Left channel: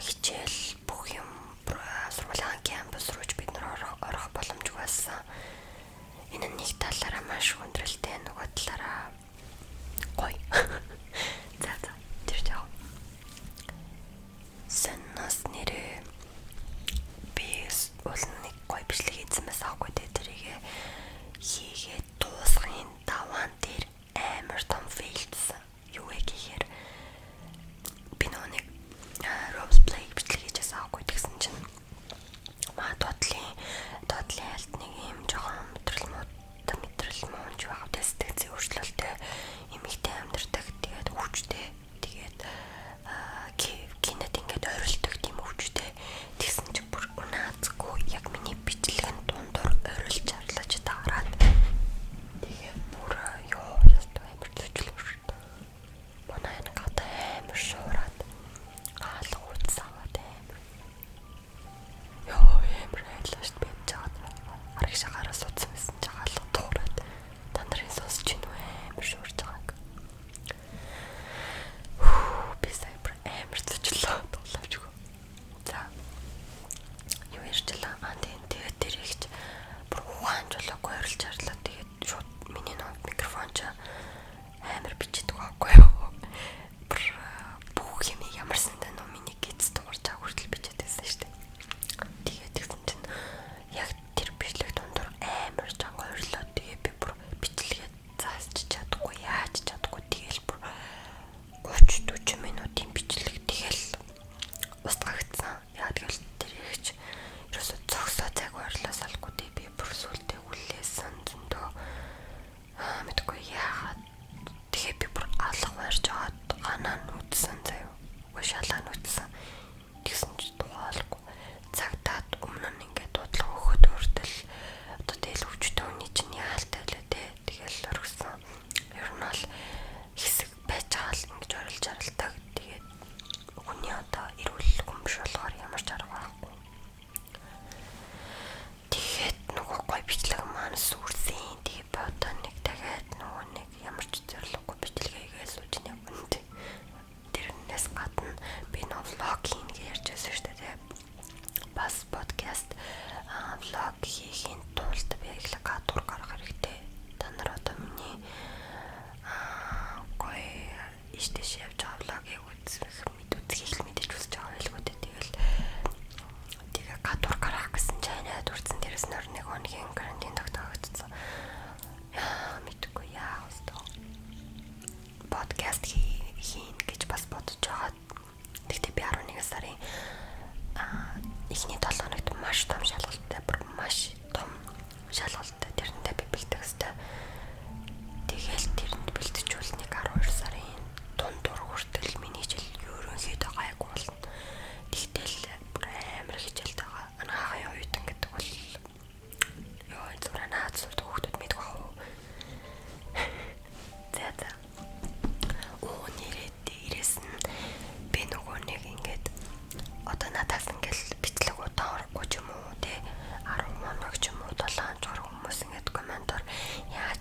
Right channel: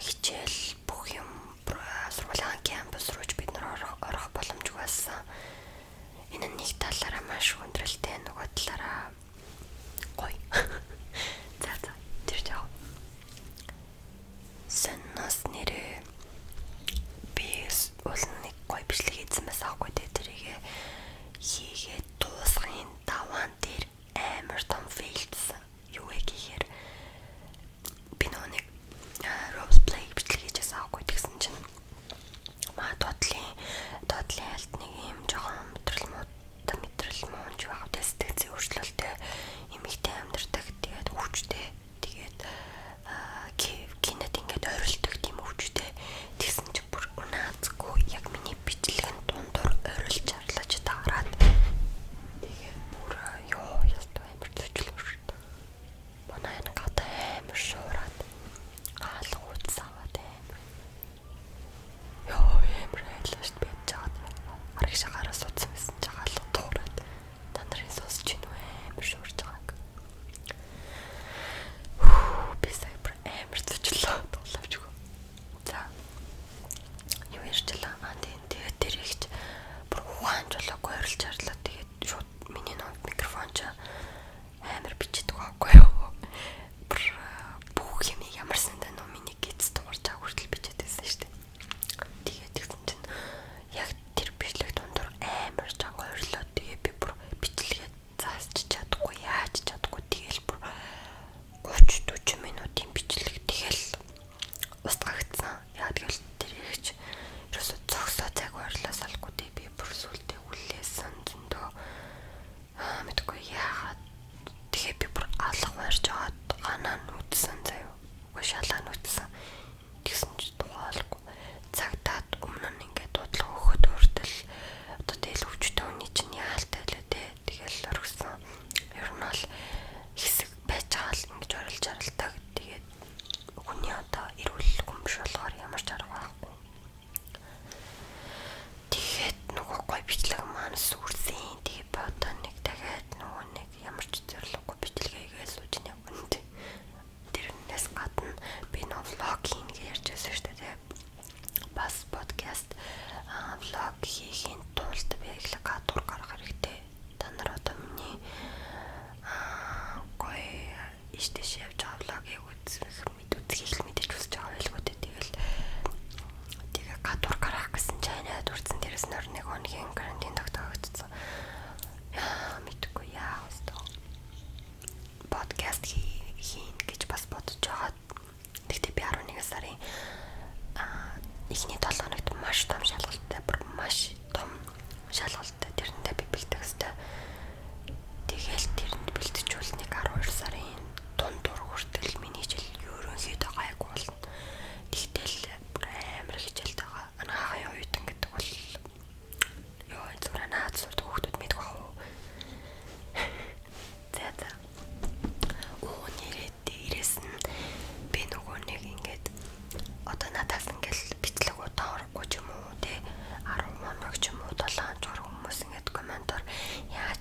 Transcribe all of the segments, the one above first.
хичээл бүх юм сургуулийн кампус руу бид нар орох боломжгүй байсан. Энэ нэг талаараа маш хүндрэлтэй, нөгөө талаараа гоё. За тэр жаа. Санаас нэрээ би уулын гоё бичлэг хийсэн байсан аахгүй тэрийг хийгээд дуусгын даваан дээр амар том фейлдсэн. Юу гэхээр би нэг roleplay бичлэг хийжсэн аахгүй тэгсэн чинь доотлын альт нэг юм жоохон мэдрэл мууч байх дэстэйцээ өөрчлөлтөө эмэгтэй амьдэрдэг тэгээд хүчтэй тэгээд кинет ингээд ойролдог тийм хүчтэй тэгсэн чинь бүр унаацгүй яг миний бичлэгэн дундуур ойролж арлаж таарад тэгээд бүр ёо ястаа амар төчлөө шүү дээ. Манай нэг амар шуураад хаалга уцсаваад амар ёо амар айлаш бэж байгаа. Арах шахараас утсан байсан ч хаалга туураад та нарын сонсож байна уу амар шуурж байгааг. Би сая амар төчлөө дуулавчгүй. За юу ярьчлаа тэгээд тэр ихч бүр ухаанч болоогүй ойрлж арлаа тэгээд шууд миний нэг микрофон ч амар бичдэг байхгүй юу. Бүх юм ямар сандаа нөө миний гиз дуурч байгаа хүртэл бичээдсэн шүү дээ. Тэгээд тэгсэн чинь яг тэр бичлэг дундуур амар чанга ойрлоо. Тэгээд би бүр бичлэгээ заасч чадахгүй яаж чадахгүй тэгэл бүр 30-40 минутын бичлэг тэгэл устгагдсан. Яа тэгэл тэр ихч ерөөсө цогсоо цаг ойрлоо салгүй дээ би бүр сүлдээ хүлээсэн зөндөө мэдгүй яагаад тэгээ би бүр алга барьж аваад ганаа нүдсэн заяа. Уг шалаа нүдсэн. Тэгсэн чи тухайлгүй. Цагтаад өмнө нь ингээд дуудлага өгөхөд өөртөл одоо тэгэл өвчтөе хүний чинь яалтай лээ дээ. Тэгэл оргисон. Ер нь бол хэсэг байж байгаа л ингэж орилж аралдаг. Тэгээд хүний одоо эрүүл хүн биш болохоор ямар ч арга байхгүй. Тэгээд нөгөө гой бичлэг маань сүрсэн. Тэгээд бодоо нэг дахиад нөгөө нэг ямар ч зориггүй бичлэгээ сууж нэг үнэтэй. Тэрнээс гадна би нөө влог хийн гэж ярьжсэн шүү дээ. Бас подкаст влог хийхин тулд би яг л кадр гаргах хэрэгтэй. Та нар одоо миний гой иштэш явж байгаа влогийг үзэх мэдээж үзэж байгаа байлгүй дээ. Тэгээ кадр гаргах гэсэн чанаад үрдсэн дээрээс нөр нэг хоногийн карантин тогтоогдсон. Яа мэдгүй яа өстөө. Подкаст хийн гэж бас бодож байгаа. Тэгтээ би 11 сарын эхний 7 хоногт маш том шалгалттай тэрнтэй би бэлдэх хэвээр. Тэгэл тэрэнд бэлтжүүл нэг 12 сарын дундуур хүртэл миний хичээл ерөнхийдөө гайгүй болно. Тэгтэл амар хичээлтэй байгаа. Анхаахан оюутан гэдэг бол ёо зураа наад сурд хүүхдүүд мэдэх бах уу. За. Нэрээ дээрээс нь би нөгөө нэг ингээд одоо надаас ингээл бичлэг удаан орохгүй ч юм уу те 10 моног ч юм уу 7 хоног хүмүүс ингээд комментор яаж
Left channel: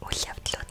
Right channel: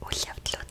үйл явдлууд